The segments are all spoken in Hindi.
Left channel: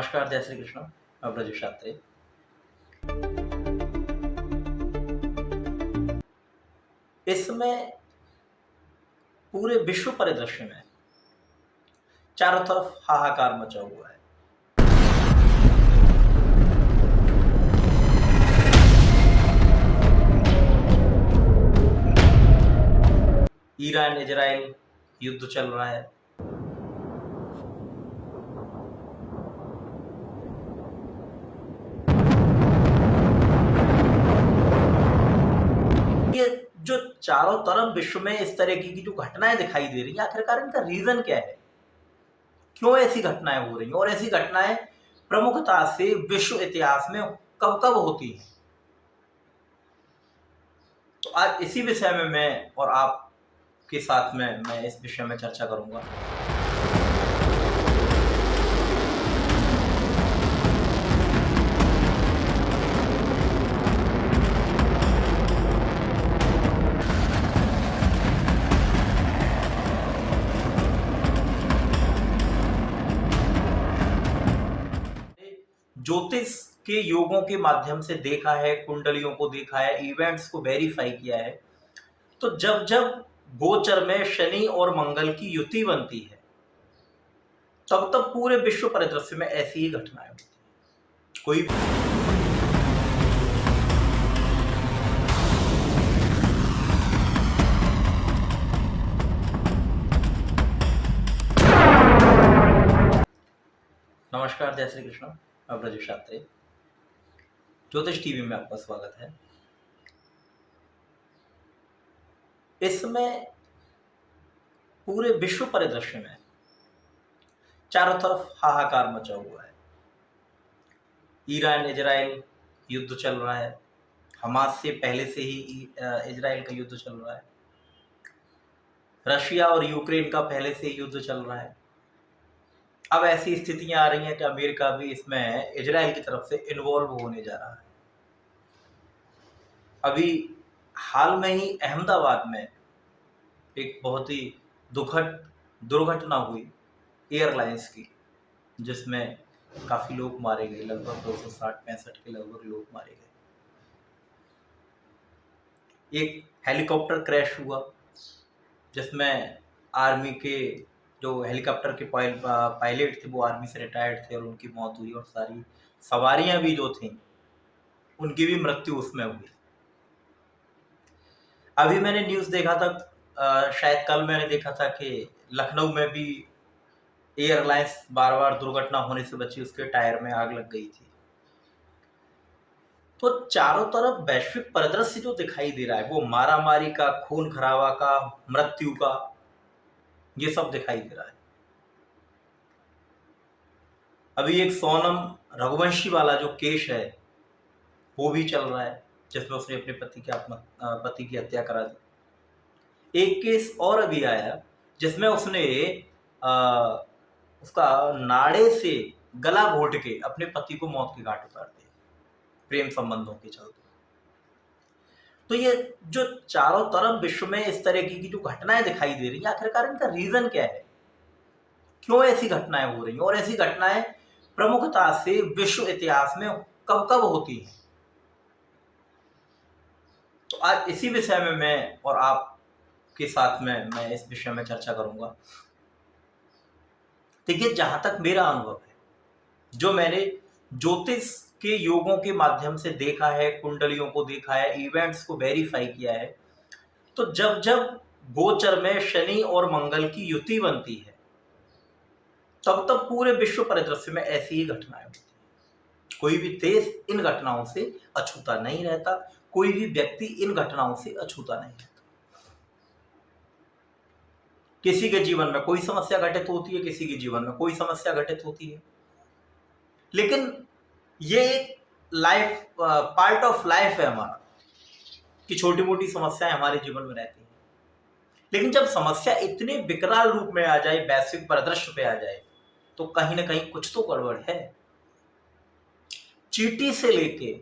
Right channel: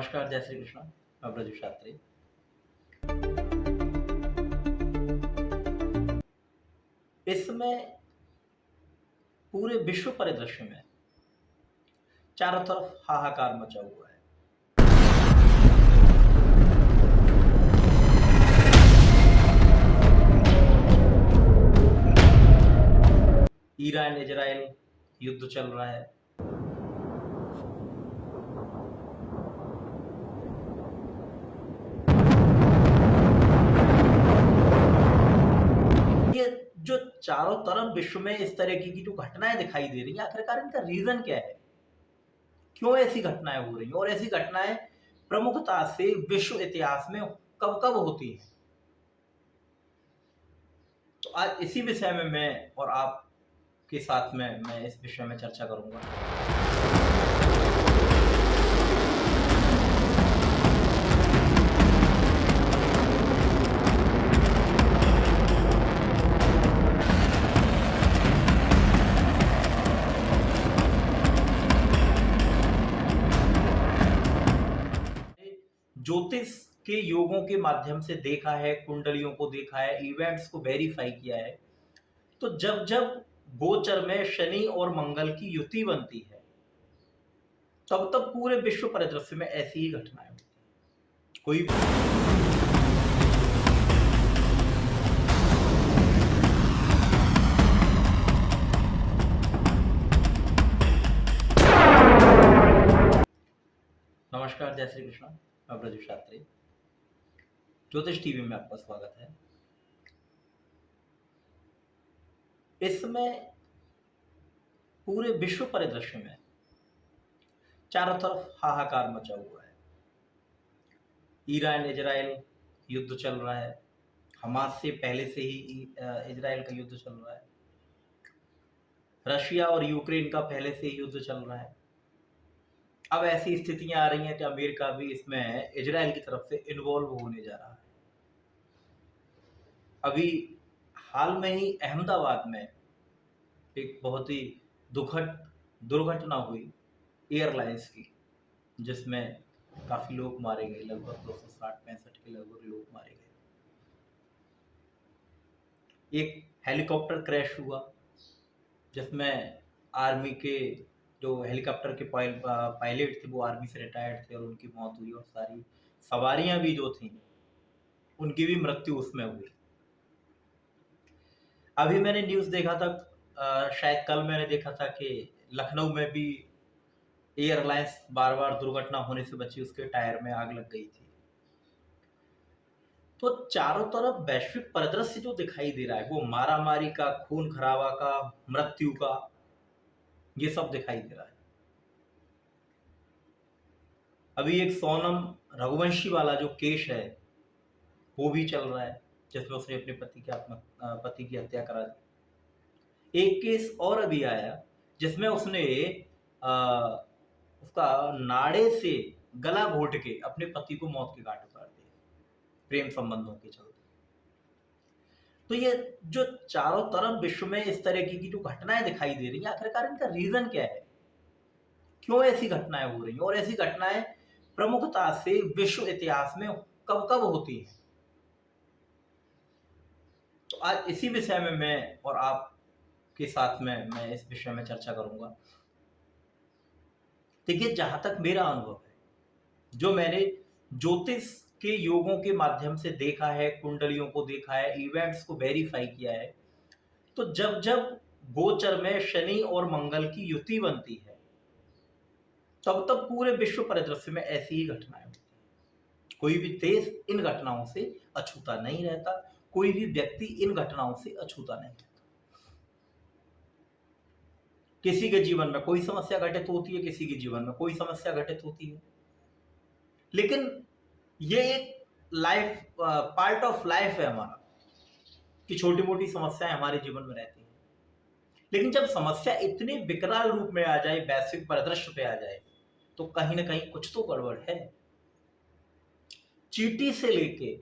नमस्कार, जय श्री कृष्ण। मैं ब्रजेश शास्त्री। इस समय पूरे विश्व परिदृश्य में चारों तरफ हाहाकार मचा हुआ है। ईरान इजराइल युद्ध चल रहा है। ये जो चारों तरफ विश्व में इस तरह की जो घटनाएं दिखाई दे रही हैं, आखिरकार इनका रीजन क्या है? क्यों ऐसी घटनाएं हो रही हैं और ऐसी घटनाएं प्रमुखता से विश्व इतिहास में कब कब होती हैं? तो आज इसी विषय में मैं और आप के साथ में मैं इस विषय में चर्चा करूंगा। ज्योतिष के योगों के माध्यम से देखा है, कुंडलियों को देखा है, इवेंट्स को वेरीफाई किया है। तो जब जब गोचर में शनि और मंगल की युति बनती है, तब तब पूरे विश्व परिदृश्य में ऐसी ही घटनाएं होती हैं। कोई नमस्कार, जय श्री कृष्ण। मैं ब्रजेश शास्त्री। ज्योतिष टीवी में आपका स्वागत है। इस समय पूरे विश्व परिदृश्य में चारों तरफ हाहाकार मचा हुआ है। ईरान इजराइल युद्ध चल रहा है। हमास से पहले से ही इजराइल का युद्ध चल रहा है। रशिया और यूक्रेन का पहले से ही युद्ध चल रहा है। अब ऐसी स्थितियां आ रही हैं कि अमेरिका भी इसमें इजराइल की तरफ से इन्वॉल्व होने जा रहा है। अभी हाल में ही अहमदाबाद में एक बहुत ही दुखद दुर्घटना हुई एयरलाइंस की, जिसमें काफी लोग मारे गए। लगभग 260-65 के लगभग लोग मारे गए। एक हेलीकॉप्टर क्रैश हुआ, जिसमें आर्मी के जो हेलीकॉप्टर के पायलट थे वो आर्मी से रिटायर्ड थे और उनकी मौत हुई, और सारी सवारियां भी जो थी उनकी भी मृत्यु उसमें हुई। अभी मैंने न्यूज देखा था, शायद कल मैंने देखा था कि लखनऊ में भी एयरलाइंस बार बार दुर्घटना होने से बची, उसके टायर में आग लग गई थी। तो चारों तरफ वैश्विक परिदृश्य जो दिखाई दे रहा है वो मारामारी का, खून खराबा का, मृत्यु का, ये सब दिखाई दे रहा है। अभी एक सोनम रघुवंशी वाला जो केस है वो भी चल रहा है, जिसमें उसने अपने पति की हत्या करा दी। एक केस और अभी आया जिसमें उसने उसका नाड़े से गला घोट के अपने पति को मौत के घाट उतार दिया, प्रेम संबंधों के चलते। तो ये जो चारों तरफ विश्व में इस तरह की जो घटनाएं दिखाई दे रही हैं, आखिरकार इनका रीजन क्या है? क्यों ऐसी घटनाएं हो रही हैं और ऐसी घटनाएं प्रमुखता से विश्व इतिहास में कब कब होती हैं? तो आज इसी विषय में मैं और आप के साथ में मैं इस विषय में चर्चा करूंगा। देखिए, जहां तक मेरा अनुभव है, जो मैंने ज्योतिष के योगों के माध्यम से देखा है, कुंडलियों को देखा है, इवेंट्स को वेरीफाई किया है, तो जब जब गोचर में शनि और मंगल की युति बनती है, तब तब पूरे विश्व परिदृश्य में ऐसी ही घटनाएं होती हैं। कोई भी देश इन घटनाओं से अछूता नहीं रहता, कोई भी व्यक्ति इन घटनाओं से अछूता नहीं रहता। किसी के जीवन में कोई समस्या घटित होती है, किसी के जीवन में कोई समस्या घटित होती है, लेकिन ये एक लाइफ पार्ट ऑफ लाइफ है हमारा, कि छोटी मोटी समस्याएं हमारे जीवन में रहती हैं। लेकिन जब समस्या इतने विकराल रूप में आ जाए, वैश्विक परिदृश्य पे आ जाए, तो कहीं ना कहीं कुछ तो गड़बड़ है। चींटी से लेके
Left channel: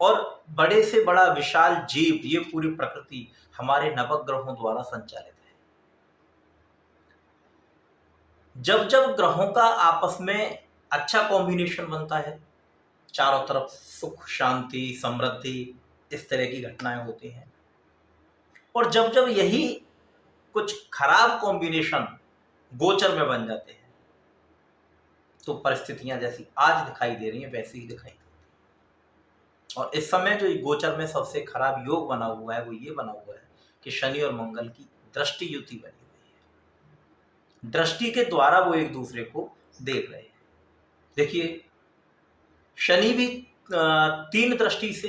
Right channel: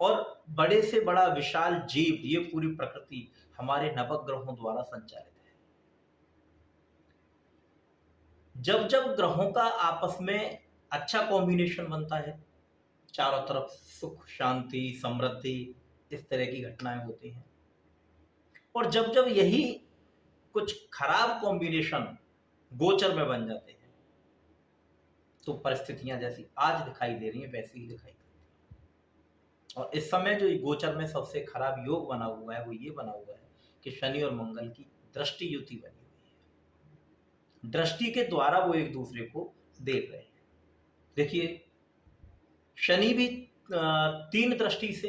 और बड़े से बड़ा विशाल जीव, ये पूरी प्रकृति हमारे नवग्रहों द्वारा संचालित है। जब जब ग्रहों का आपस में अच्छा कॉम्बिनेशन बनता है, चारों तरफ सुख शांति समृद्धि इस तरह की घटनाएं होती हैं। और जब जब यही कुछ खराब कॉम्बिनेशन गोचर में बन जाते हैं तो परिस्थितियां जैसी आज दिखाई दे रही हैं वैसी ही दिखाई देती हैं। और इस समय जो गोचर में सबसे खराब योग बना हुआ है वो ये बना हुआ है कि शनि और मंगल की दृष्टि युति बनी हुई है। दृष्टि के द्वारा वो एक दूसरे को देख रहे हैं। देखिए, शनि भी तीन दृष्टि से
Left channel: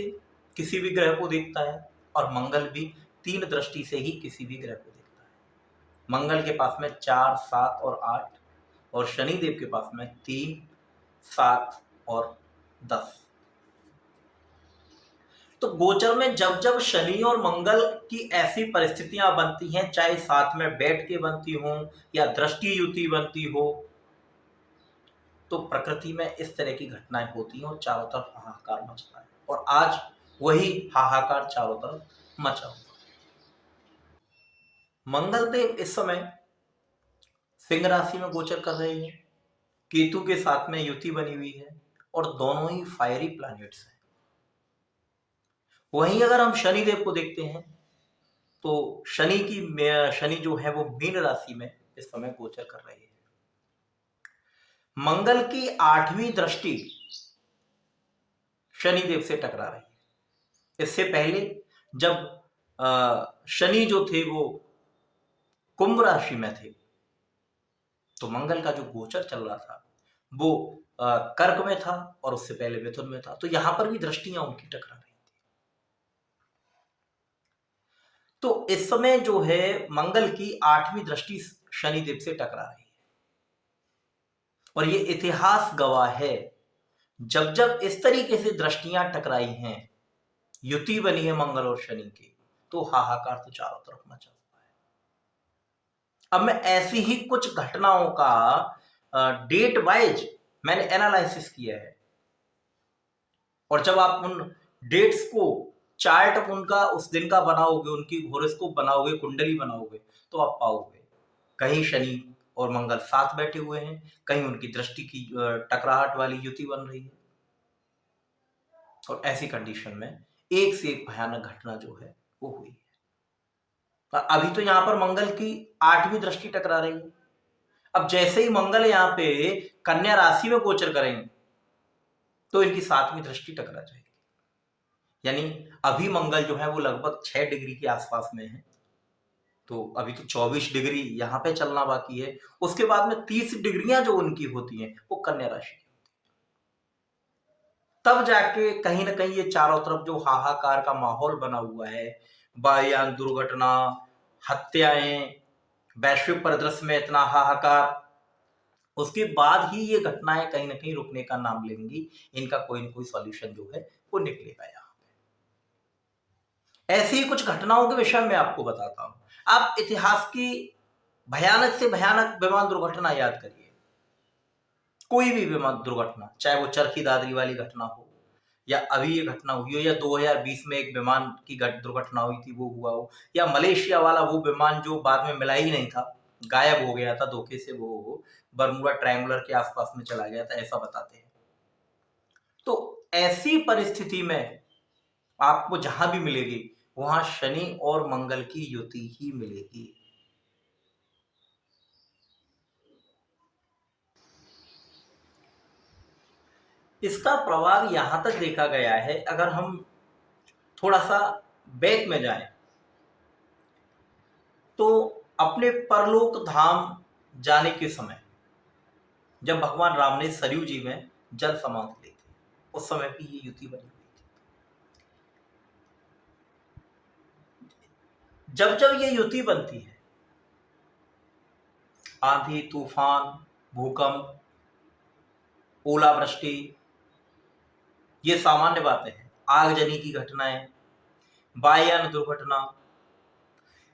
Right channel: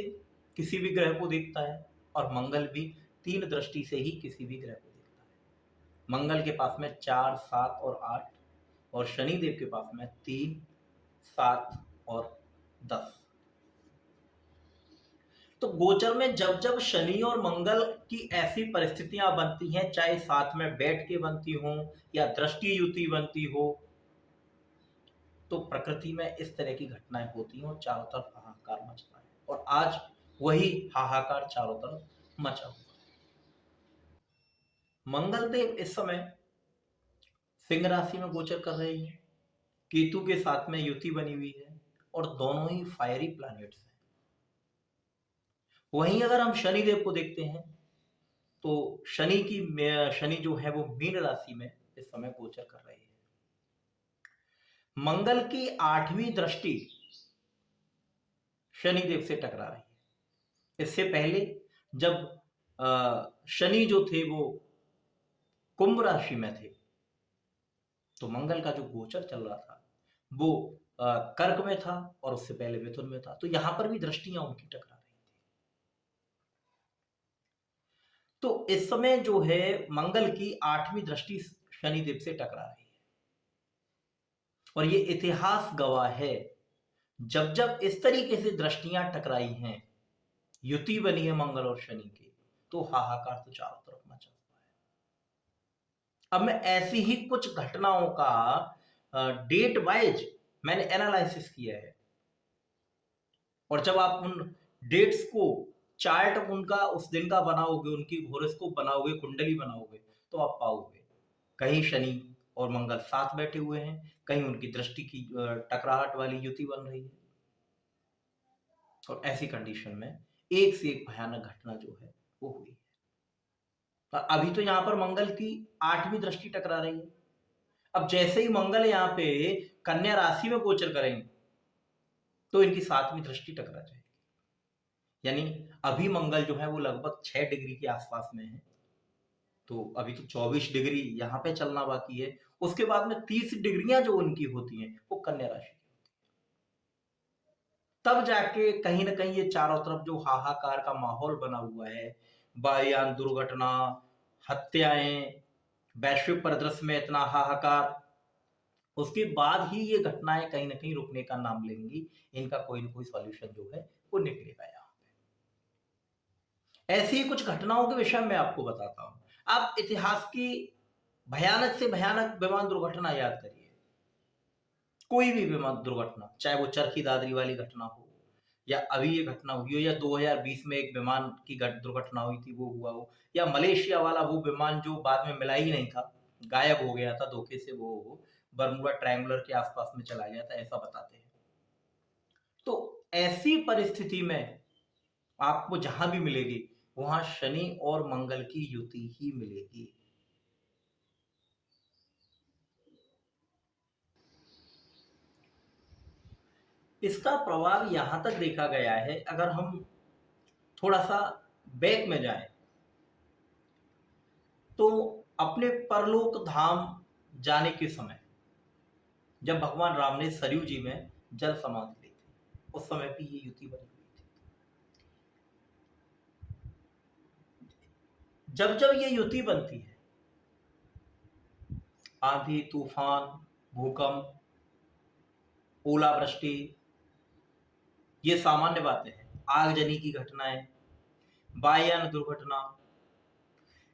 किसी भी ग्रह को देखता है और मंगल भी तीन दृष्टि से ही किसी भी ग्रह को देखता है। मंगल के पास में 4, 7 और 8 और शनिदेव के पास में 3, 7 और 10। तो गोचर में जब जब शनि और मंगल की ऐसी परिस्थितियां बनती हैं, चाहे साथ में बैठ के बनती हो या दृष्टि युति बनती हो, तो प्रकृति में इस तरह की घटनाएं होती हैं और चारों तरफ हाहाकार मचता है। और आज वही हाहाकार चारों तरफ मचा हुआ है। मंगल देव इस समय सिंह राशि में गोचर कर रहे हैं, केतु के साथ में युति बनी हुई है और दोनों ही फायरी प्लैनेट्स हैं। वहीं अगर हम शनि देव को देखते हैं तो शनि जो है वो मीन राशि में इस समय गोचर कर रही है। मंगल की 8वीं दृष्टि शनि देव से टकरा रही है। इससे पहले जब शनि जो थे वो कुंभ राशि में थे तो मंगल का जो गोचर चल रहा था वो कर्क में था और उससे पहले मिथुन में था। तो यहां पर भी दृष्टियां उनकी टकरा रही थी। तो इस समय जो है मंगल की 8वीं दृष्टि शनिदेव से टकरा रही है और ये इतिहास गवाह है, जब जब इस तरीके से दृष्टियां टकराई हैं, युति बनी है मंगल और शनि की, तो हाहाकार तो चारों तरफ मचा हुआ है। अब मैं ऐसी ही कुछ घटनाओं का डेट वाइज मैंने एनालिसिस किया है और जब आप उन डेट्स को चार्ट उनका उस दिन का बनाओगे, उनकी हॉरोस्कोप बनाओगे, कुंडली बनाओगे, तो आप पाओगे कहीं शनि और मंगल साथ बैठे हुए हैं, कहीं उनकी दृष्टि की टकराहट वाली युति बन रही है। और ऐसी कंडीशन में एक से एक भयानक घटना जो है वो हुई है। अभी तो यहाँ पर मंगल की 8वीं दृष्टि टकरा रही है। अब जैसे ही मंगल यहाँ पे कन्या राशि में गोचर करेंगे तो इनकी 7वीं दृष्टि टकरा जाएगी। यानी अभी मंगल जो है वो लगभग 6 डिग्री के आसपास में है, तो अभी तो 24 डिग्री यहाँ पे चलना बाकी है। उसके बाद में 30 डिग्रियां जो उनकी होती हैं वो कन्या राशि की होती है। तब जाके कहीं ना कहीं ये चारों तरफ जो हाहाकार का माहौल बना हुआ है, वायुयान दुर्घटना, हत्याएं, वैश्विक परिदृश्य में इतना हाहाकार, उसके बाद ही ये घटनाएं कहीं ना कहीं रुकने का नाम लेंगी। इनका कोई ना कोई सॉल्यूशन जो है वो निकलेगा। यहाँ ऐसी ही कुछ घटनाओं के विषय में आपको बताता हूं। आप इतिहास की भयानक से भयानक विमान दुर्घटना याद करिए। कोई भी विमान दुर्घटना, चाहे वो चरखी दादरी वाली घटना हो या अभी ये घटना हुई हो या 2020 में एक विमान की दुर्घटना हुई थी वो हुआ हो, या मलेशिया वाला वो विमान जो बाद में मिला ही नहीं था, गायब हो गया था धोखे से, वो बर्मुडा ट्रायंगुलर के आसपास में चला गया था, ऐसा बताते हैं। तो ऐसी परिस्थिति में आपको जहां भी मिलेगी वहां शनि और मंगल की युति ही मिलेगी। इसका प्रभाव यहां तक देखा गया है, अगर हम थोड़ा सा बैक में जाएं तो अपने परलोक धाम जाने के समय जब भगवान राम ने सरयू जी में जल समाधि ली थी, उस समय भी ये युति बनी हुई थी। जब जब ये युति बनती है, आंधी तूफान, भूकंप, ओलावृष्टि, ये सामान्य बातें हैं। आगजनी की घटनाएं, वायुयान दुर्घटना,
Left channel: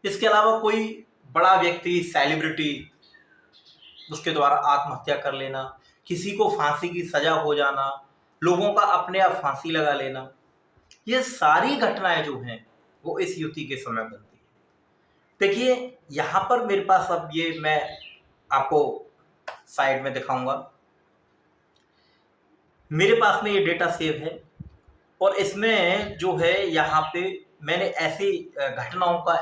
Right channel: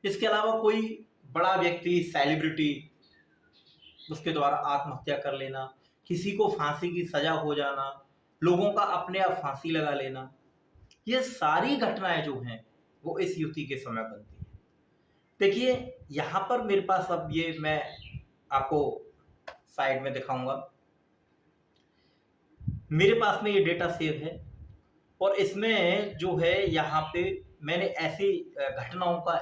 इसके अलावा कोई बड़ा व्यक्ति, सेलिब्रिटी, उसके द्वारा आत्महत्या कर लेना, किसी को फांसी की सजा हो जाना, लोगों का अपने आप फांसी लगा लेना, ये सारी घटनाएं जो हैं वो इस युति के समय बनती हैं। देखिए यहां पर मेरे पास अब ये मैं आपको साइड में दिखाऊंगा, मेरे पास में ये डेटा सेव है और इसमें जो है यहाँ पे मैंने ऐसी घटनाओं का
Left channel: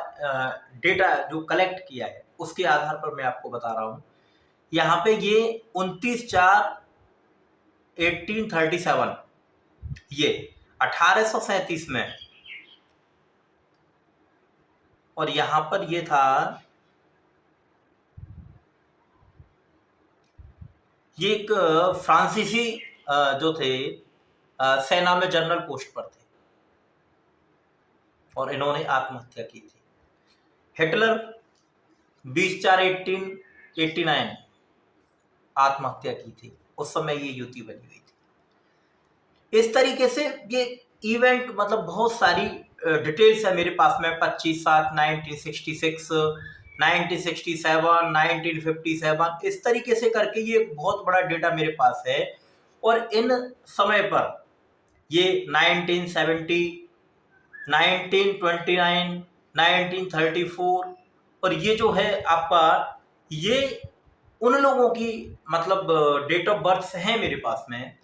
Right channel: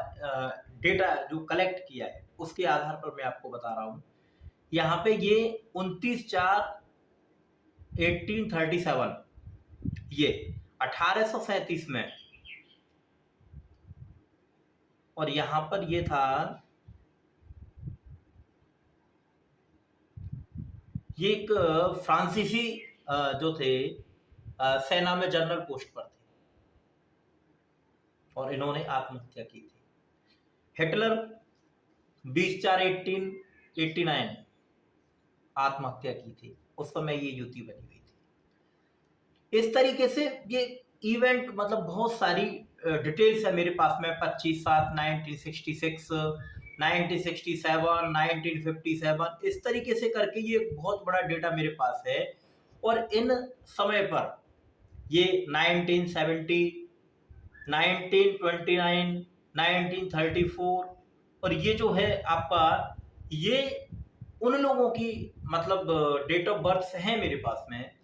डेटा जो कलेक्ट किया है उसके आधार पर मैं आपको बता रहा हूँ। यहाँ पे ये 29/4/1837 ये 1837 में, और यहाँ पर ये था, ये एक फ्रांसीसी जो थे सेना में जनरल पोस्ट पर थे और इन्होंने आत्महत्या की थी। हिटलर 20/4/1889 आत्महत्या की थी, उस समय ये युति बनी हुई थी। इस तरीके से ये इवेंट मतलब बहुत सारी डिटेल्स है मेरे पास में। 25/7/1966, 1967, 1957, इस तरीके से करके ये बहुत बड़ा डेटा मेरे पास है। और इन समय पर ये 1970, 1929, 1934, और ये जो है आपका, ये उन लोगों की मतलब डेट ऑफ बर्थ हैं मेरे पास में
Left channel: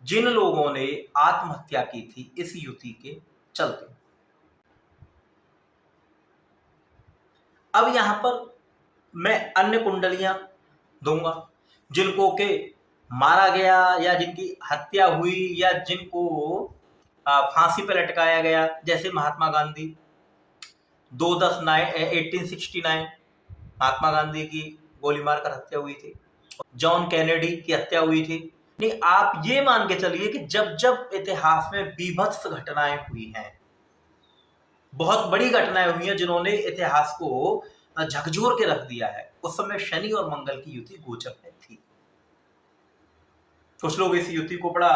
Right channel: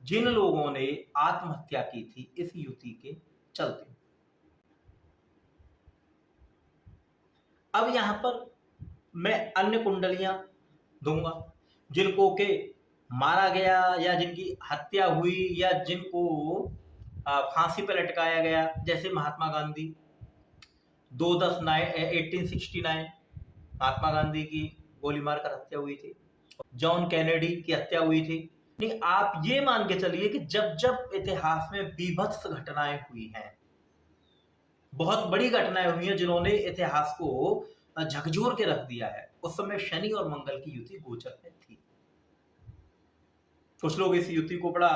जिन लोगों ने आत्महत्या की थी इस युति के चलते। अब यहां पर मैं अन्य कुंडलियां दूंगा जिनको के मारा गया या जिनकी हत्या हुई या जिनको फांसी पर लटकाया गया, जैसे महात्मा गांधी 2/10/1869 महात्मा गांधी की गोली मारकर हत्या हुई थी। जॉन कैनेडी की हत्या हुई थी। नहीं, आप ये मान के चलिए कि जब जब इतिहास में बीभत्स घटनाएं हुई हैं, बहुत बड़ी घटनाएं हुई हैं जिन्होंने इतिहास को झकझोर के रख दिया है, उस समय शनि और मंगल की युति गोचर में थी। कुछ लोग इस युति को बड़ा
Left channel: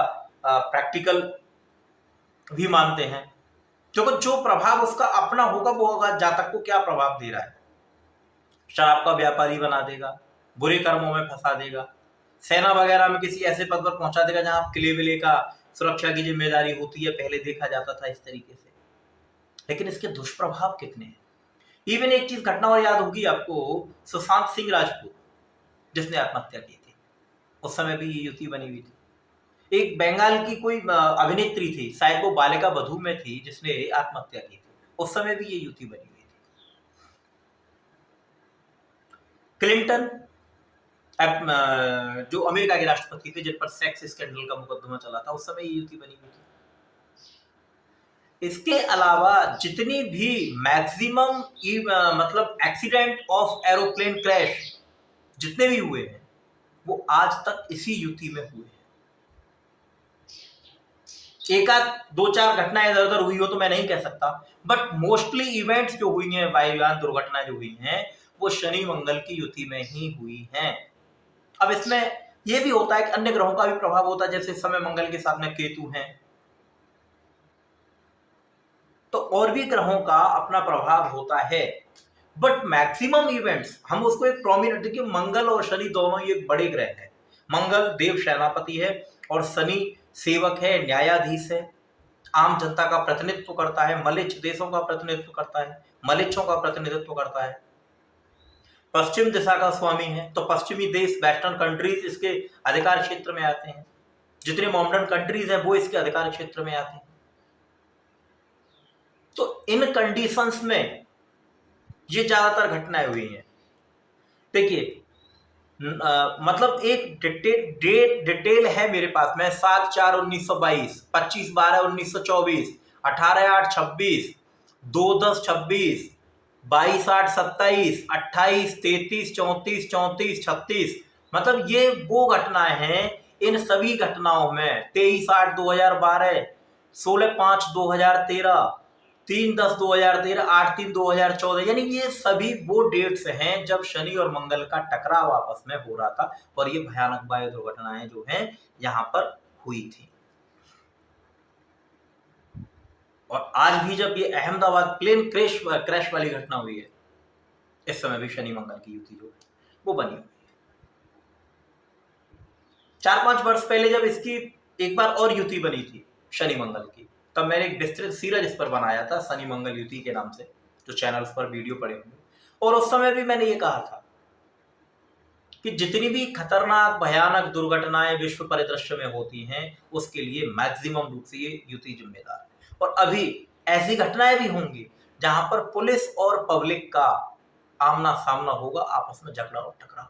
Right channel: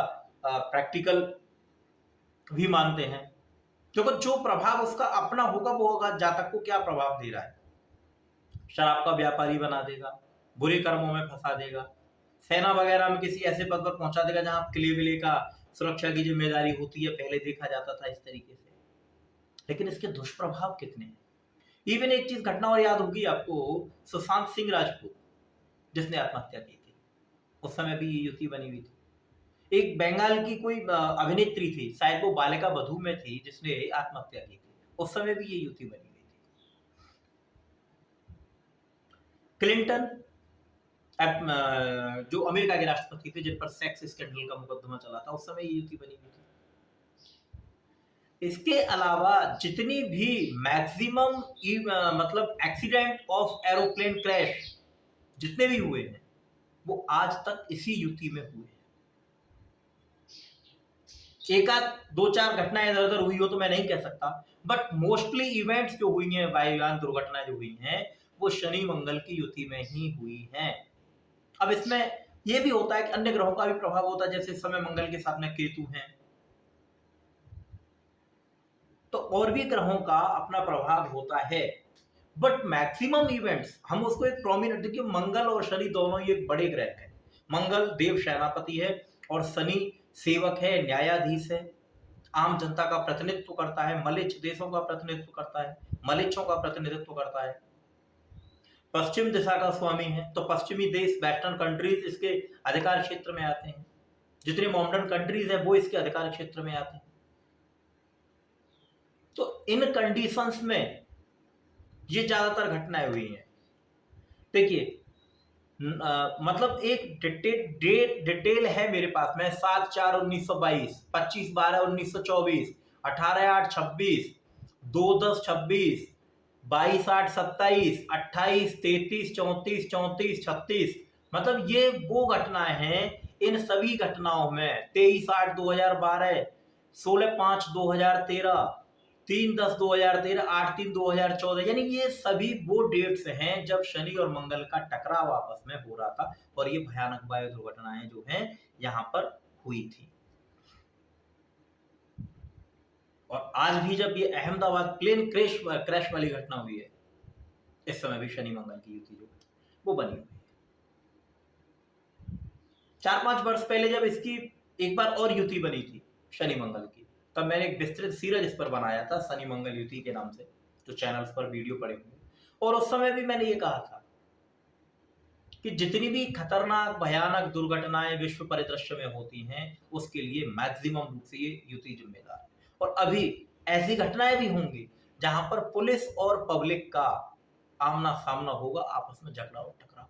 प्रैक्टिकल भी मानते हैं, क्योंकि जो प्रभाव उसका अपना होगा वो होगा, जातक को क्या प्रभाव दे रहा है। शराब का व्यापारी बना देगा, बुरे कर्मों में फंसा देगा, सेना वगैरह में किसी ऐसे पद पर पहुंचा देगा जहां किले विले का सुरक्षा की जिम्मेदारी होती है, पहले देखा जाता था इस तरीके से। लेकिन इसके दुष्प्रभाव कितने हैं। इवन एक चीज घटना और याद होगी आपको, सुशांत सिंह राजपूत जिसने आत्महत्या की थी, उस समय भी ये युति बनी हुई थी। एक बंगाल की कोई अभिनेत्री थी, शायद वो बालिका वधू में थी, जिसने आत्महत्या की थी, उस समय भी ये युति बनी हुई थी। क्लिंटन जो अमेरिका के राष्ट्रपति थे, जिन पर सेक्स स्कैंडल का मुकदमा चला था, उस समय ये युति बनी हुई थी। इसके अलावा जितनी भी मैक्सिमम मतलब एक्सीडेंट ऑफ एरोप्लेन क्रैश जितने भी हुए हैं वो आज तक इसी युति में हुए हैं। एक आध दो चार घटनाएं इधर उधर हुई हो तो मैं नहीं कह सकता, बट मोस्टली इवेंट्स जो हुई हैं, वायुयान दुर्घटनाएं जो हुई हैं, वो शनि मंगल की युति में ही हुई हैं। अब इसमें यह भी होता है कि अन्य ग्रहों का भी प्रभाव होता है, जैसे इस समय मंगल के साथ में केतु हैं, तो और भी ग्रहों का अपना प्रभाव होता है। बट मैक्सिमम इवेंट्स हम उसको एक प्रोमिनेंट, देखिए मंगल और शनि दोनों ये बड़े ग्रह हैं। मंगल देव सेनापति है और शनि सेवक है, न्यायाधीश है, आम जनता का प्रतिनिधित्व करता है, मलिच्छ देशों का प्रतिनिधित्व करता है, मलिच्छों का प्रतिनिधित्व करता है, पश्चिम दिशा का स्वामी है। तो पश्चिमी देश, वेस्टर्न कंट्रीज इसके अधिकार क्षेत्र में आते हैं, जितनी मॉडर्न कंट्रीज हैं वो इसके अधिकार क्षेत्र में आते हैं। तो इन कंडीशंस में ये ज्यादातर घटनाएं हुई हैं। देखिए मतलब एक डिटेल है मेरे पास में, 7/4/1922, 25/12/1924, 18/8/26, 2/10/26, 22/8/27, 28, 33, 34, 34, 36, मतलब ये वो घटनाएं हैं। इन सभी घटनाओं में 23/8/2012, 16/5/2013, 3/10/2013, 8/3/2014, यानी ये सभी वो डेट्स हैं जब शनि और मंगल का टकराव आपस में हो रहा था और ये भयानक वायु दुर्घटनाएं जो हैं यहां पर हुई थी। और आज भी जब ये अहमदाबाद प्लेन क्रैश वाली घटना हुई है, इस समय भी शनि मंगल की युति जो है वो बनी हुई है। 4-5 वर्ष पहले जब इसकी एक बार और युति बनी थी शनि मंगल की, तब मैंने एक विस्तृत सीरीज इस पर बनाया था, शनि मंगल युति के नाम से, जो चैनल्स पर वीडियो पड़े होंगे। और उस समय भी मैंने ये कहा था कि जितनी भी खतरनाक भयानक दुर्घटनाएं विश्व परिदृश्य में होती हैं उसके लिए मैक्सिमम रूप से ये युति जिम्मेदार है। और अभी ऐसी घटनाएं भी होंगी जहां पर पुलिस और पब्लिक का आमना सामना होगा, आपस में झगड़ा और टकराव,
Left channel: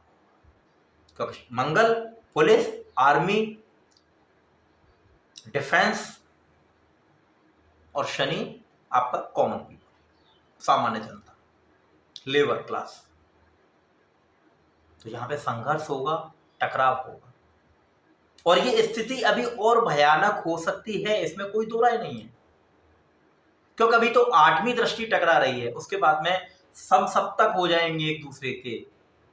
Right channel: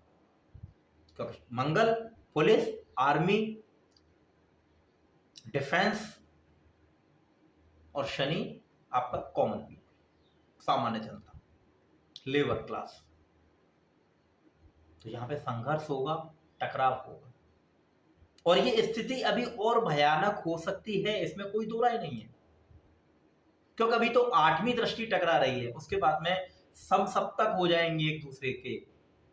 क्योंकि मंगल पुलिस, आर्मी, डिफेंस और शनि आपका कॉमन पीपल, सामान्य जनता, लेबर क्लास। तो यहां पे संघर्ष होगा, टकराव होगा, और ये स्थिति अभी और भयानक हो सकती है, इसमें कोई दो राय नहीं है। क्योंकि अभी तो 8वीं दृष्टि टकरा रही है, उसके बाद में समसप्तक हो जाएंगे एक दूसरे के,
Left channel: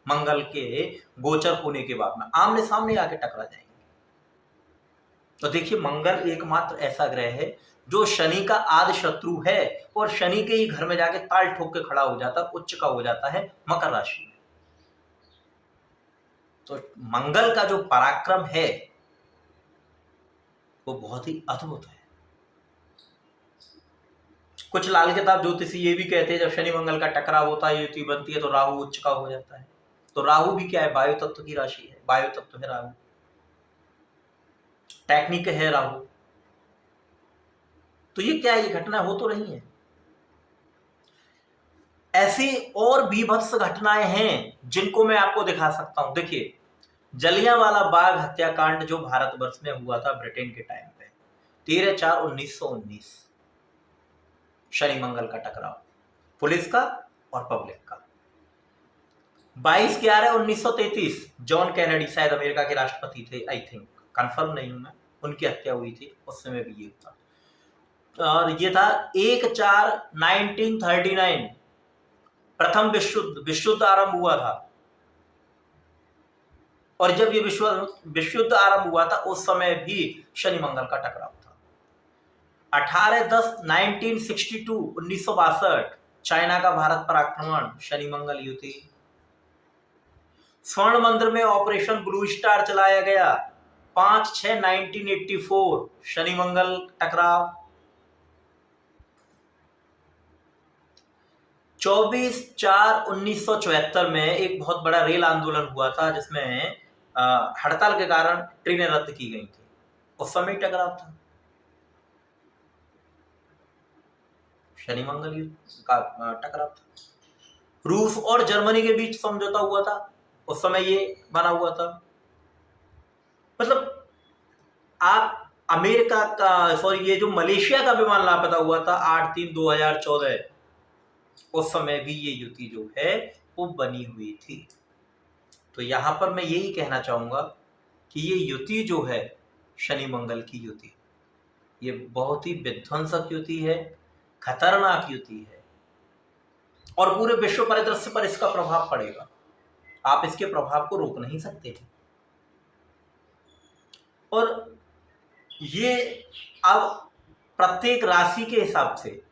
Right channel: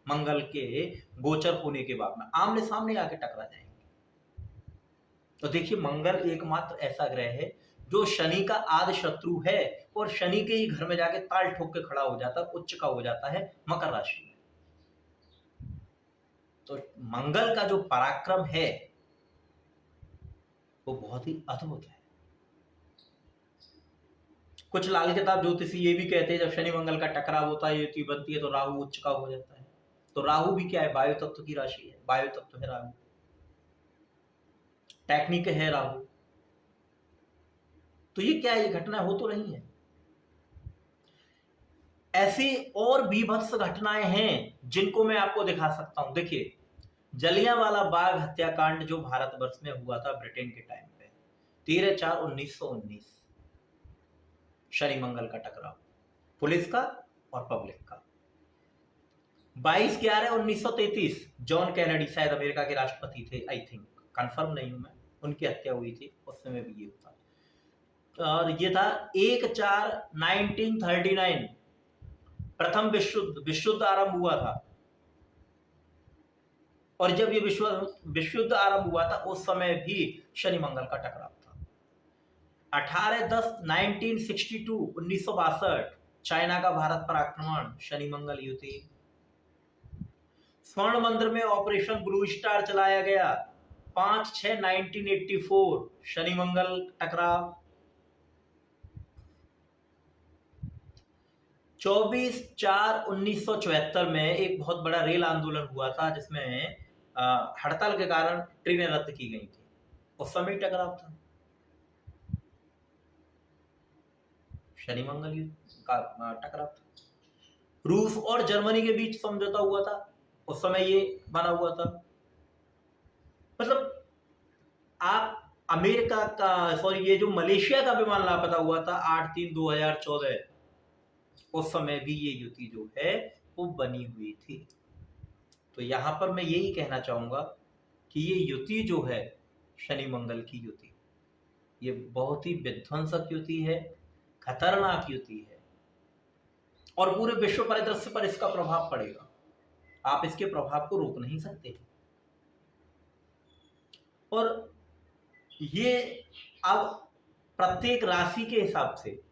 मंगल के गोचर होने के बाद में आमने सामने आके टकरा जाएंगे। तो देखिए, मंगल एकमात्र ऐसा ग्रह है जो शनि का आदि शत्रु है, और शनि के ही घर में जाके ताल ठोक के खड़ा हो जाता, उच्च का हो जाता है मकर राशि में। तो मंगल का जो पराक्रम है वो बहुत ही अद्भुत है। कुछ लाल किताब ज्योतिषी ये भी कहते हैं जब शनि मंगल का टकराव होता है, युति बनती है, तो राहु उच्च का हो जाता है। तो राहु भी क्या है, वायु तत्व की राशि है, वायु तत्व है राहु, टेक्निक है राहु। तो ये क्या है, ये घटना हो तो रही है। ऐसी और बीभत्स घटनाएं हैं जिनको मैं आपको दिखा सकता हूं। देखिए, जलियांवाला बाग हत्याकांड जो भारतवर्ष में हुआ था ब्रिटेन के टाइम पे, 13/4/1919, शनि मंगल का टकराव, पुलिस का और पब्लिक का। 22/11/1933, जॉन कैनेडी शायद अमेरिका के राष्ट्रपति थे, आई थिंक, कंफर्म नहीं हूं मैं, उनकी हत्या हुई थी, उस समय भी ये था। और ये था 1/4/1939, प्रथम विश्व युद्ध आरंभ हुआ था। और जब ये विश्व युद्ध आरंभ हुआ था उस समय भी शनि मंगल का टकराव था। 18/10/1962, 1962, चाइना का भारत पर आक्रमण, शनि मंगल युति। स्वर्ण मंदिर में ऑपरेशन ब्लू स्टार चलाया गया, 5/6/1984, शनि मंगल टकराव। 24/4/1974 में एक बहुत बड़ा रेल आंदोलन हुआ था जिसमें हड़ताल के कारण ट्रेनें रद्द की गई थी, उस समय टकराव था, शनि मंगल का टकराव था। रूस और जर्मनी के बीच समझौता हुआ था, उस समय ये बना हुआ था। मतलब आप अमेरिका का, सॉरी, ये जो मलेशिया का विमान लापता हुआ था 8/3/2014, उस समय भी ये युति जो है वो बनी हुई थी। तो यहां पर मैं यही कहना चाहूंगा कि ये युति जो है शनि मंगल की युति, ये बहुत ही विध्वंसक युति है, खतरनाक युति है, और पूरे विश्व परिदृश्य पर इसका प्रभाव पड़ेगा। आप इसके प्रभाव को रोक नहीं सकते। और ये अब प्रत्येक राशि के हिसाब से,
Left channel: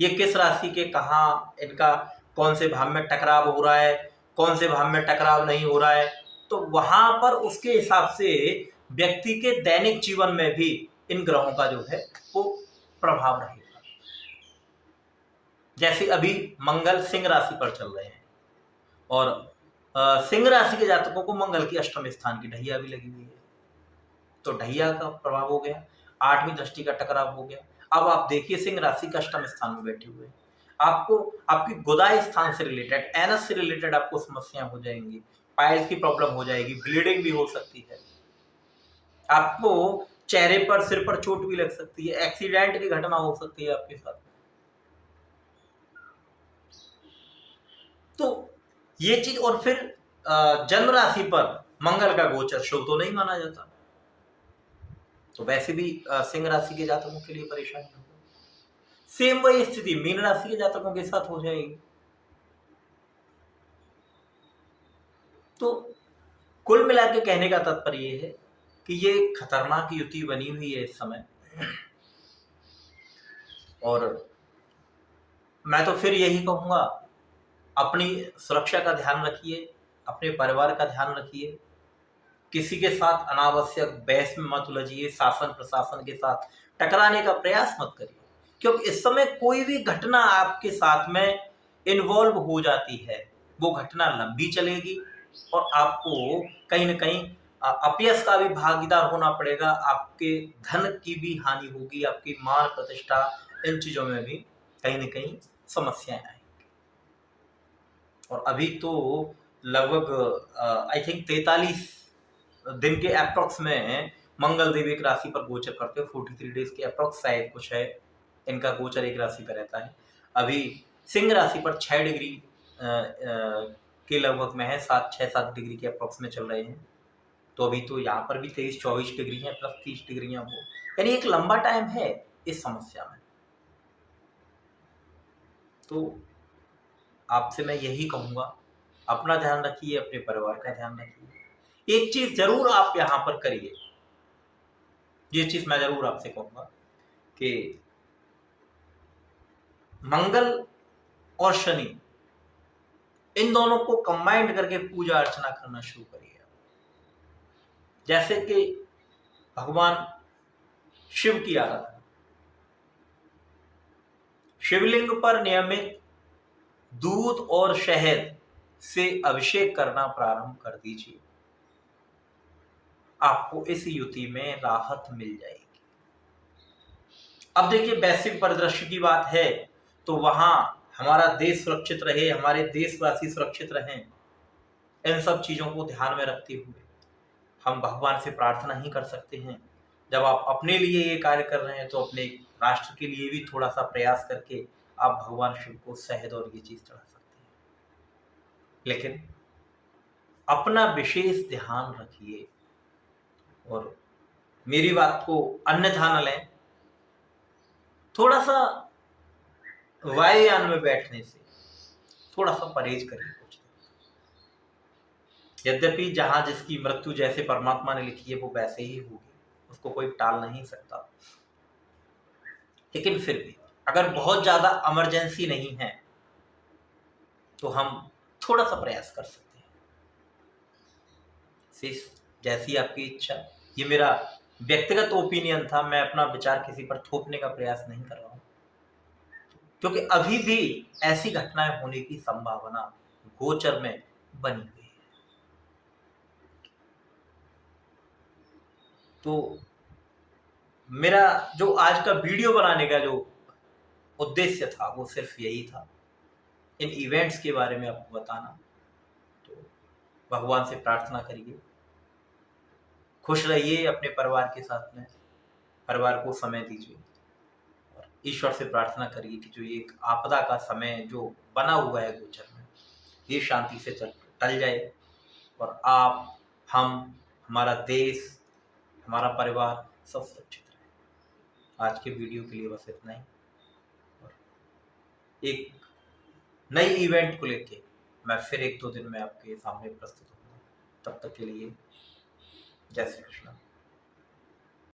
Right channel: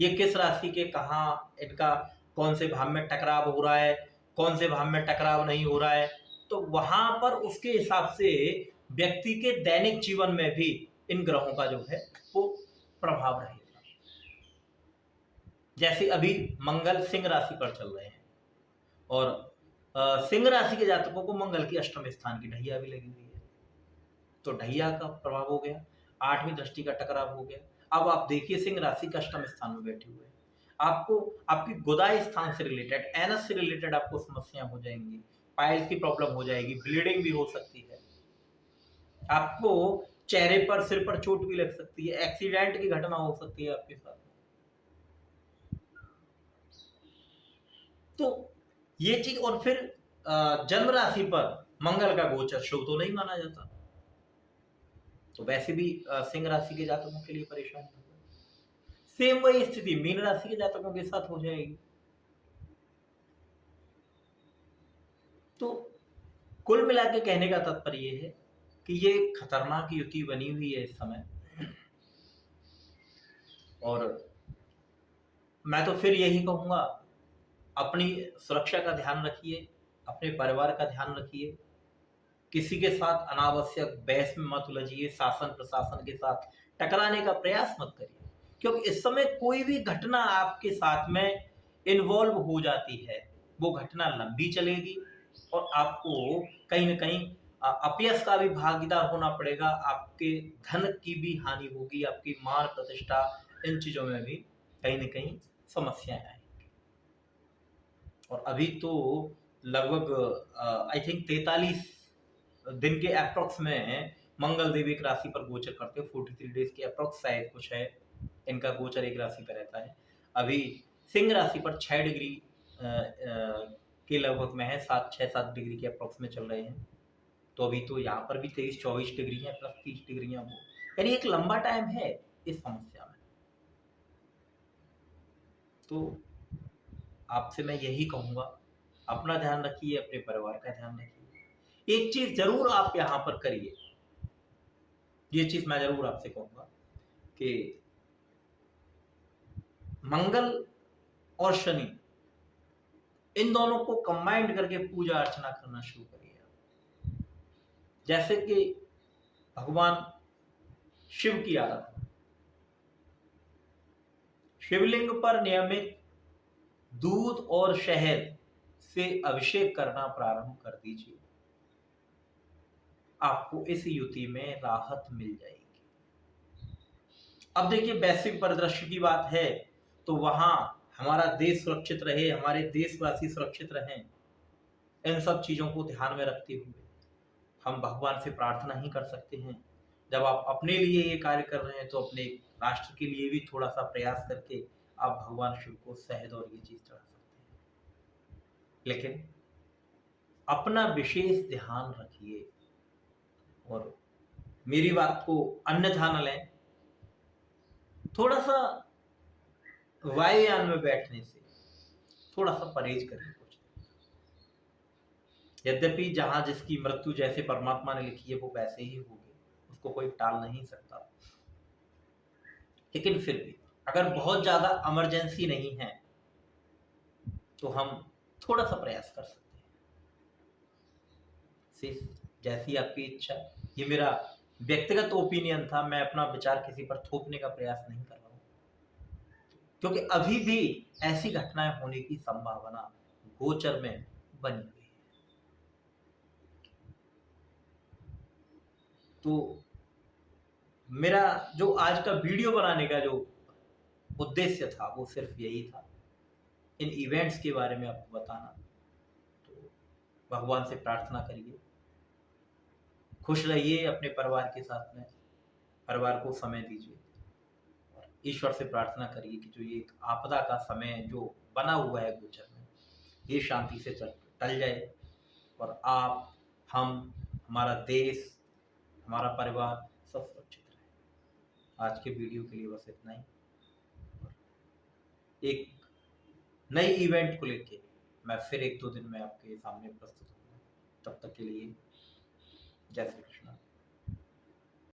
ये किस राशि के कहाँ, इनका कौन से भाव में टकराव हो रहा है, कौन से भाव में टकराव नहीं हो रहा है, तो वहां पर उसके हिसाब से व्यक्ति के दैनिक जीवन में भी इन ग्रहों का जो है वो प्रभाव रहेगा। जैसे अभी मंगल सिंह राशि पर चल रहे हैं, और सिंह राशि के जातकों को मंगल की अष्टम स्थान की ढैया भी लगी हुई है, तो ढैया का प्रभाव हो गया, 8वीं दृष्टि का टकराव हो गया। अब आप देखिए, सिंह राशि का अष्टम स्थान में बैठे हुए, आपको आपकी गुदाई स्थान से रिलेटेड, एनस से रिलेटेड आपको समस्या हो जाएंगी, पाइल्स की प्रॉब्लम हो जाएगी, ब्लीडिंग भी हो सकती है, आपको चेहरे पर, सिर पर चोट भी लग सकती है, एक्सीडेंट की घटना हो सकती है आपके साथ। तो ये चीज, और फिर जन्म राशि पर मंगल का गोचर शुभ तो नहीं माना जाता, तो वैसे भी सिंह राशि के जातकों के लिए परेशानी होगी। सेम वही स्थिति मीन राशि के जातकों के साथ हो जाएगी। तो कुल मिला के कहने का तात्पर्य ये है कि ये खतरनाक युति बनी हुई है इस समय, और मैं तो फिर यही कहूंगा, अपनी सुरक्षा का ध्यान रखिए, अपने परिवार का ध्यान रखिए, किसी के साथ अनावश्यक बहस में मत उलझिए, शासन प्रशासन के साथ टकराने का प्रयास मत करिए, क्योंकि इस समय कोई भी घटना आपके साथ में इन्वॉल्व हो जाती है, वो घटना लंबी चलेगी, और आपको कहीं न कहीं अपयश का भी भागीदार होना पड़ेगा, आपके धन की भी हानि होगी, आपकी मान प्रतिष्ठा, इन चीज़ों में भी कहीं न कहीं समस्याएँ आएँगी। और अभी तो लगभग आई थिंक 43 दिन के एप्रॉक्स में मंगल देव एक राशि पर गोचर करते हो, 43 डेज़ के एप्रॉक्स शायद कुछ है, इनका गोचर एक राशि पे रहता है। अभी सिंह राशि पर 6 डिग्री के लगभग में है, 6-7 डिग्री के एप्रॉक्स में चल रहे हैं। तो अभी तो यहाँ पर भी 23-24 डिग्री है, प्लस 30 डिग्रियाँ वो, यानी एक लंबा टाइम है इस समस्या में। तो आपसे मैं यही कहूँगा, अपना ध्यान रखिए, अपने परिवार का ध्यान रखिए। एक चीज़ ज़रूर आप यहाँ पर करिए, ये चीज़ मैं ज़रूर आपसे कहूँगा कि मंगल और शनि, इन दोनों को कंबाइंड करके पूजा अर्चना करना शुरू करिए। जैसे कि भगवान शिव की आराधना, शिवलिंग पर नियमित दूध और शहद से अभिषेक करना प्रारंभ कर दीजिए, आपको इस युति में राहत मिल जाएगी। अब देखिए, वैश्विक परिदृश्य की बात है तो वहां हमारा देश सुरक्षित रहे, हमारे देशवासी सुरक्षित रहें, इन सब चीजों को ध्यान में रखते हुए हम भगवान से प्रार्थना ही कर सकते हैं। जब आप अपने लिए ये कार्य कर रहे हैं तो अपने राष्ट्र के लिए भी थोड़ा सा प्रयास करके आप भगवान शिव को शहद और ये चीज चढ़ा सकते हैं। लेकिन अपना विशेष ध्यान रखिए और मेरी बात को अन्यथा न लें। थोड़ा सा वायुयान में बैठने से थोड़ा सा परहेज करिए कुछ। यद्यपि जहां जिसकी मृत्यु जैसे परमात्मा ने लिखी है वो वैसे ही होगी, उसको कोई टाल नहीं सकता, लेकिन फिर भी अगर बहुत ज्यादा इमरजेंसी नहीं है तो हम थोड़ा सा प्रयास कर सकते हैं। सिर्फ जैसी आपकी इच्छा। ये मेरा व्यक्तिगत ओपिनियन था, मैं अपना विचार किसी पर थोपने का प्रयास नहीं कर रहा हूँ, क्योंकि अभी भी ऐसी घटनाएं होने की संभावना गोचर में बनी हुई है। तो मेरा जो आज का वीडियो बनाने का जो उद्देश्य था वो सिर्फ यही था, इन इवेंट्स के बारे में आपको बताना। तो भगवान से प्रार्थना करिए, खुश रहिए अपने परिवार के साथ में, परिवार को समय दीजिए और ईश्वर से प्रार्थना करिए कि जो ये एक आपदा का समय जो बना हुआ है गोचर में, ये शांति से टल जाए और आप, हम, हमारा देश, हमारा परिवार सब सुरक्षित रहे। आज के वीडियो के लिए बस इतना ही। एक नई इवेंट को लेके मैं फिर 1-2 दिन में आपके सामने प्रस्तुत होऊंगा। तब तक के लिए जय श्री कृष्ण।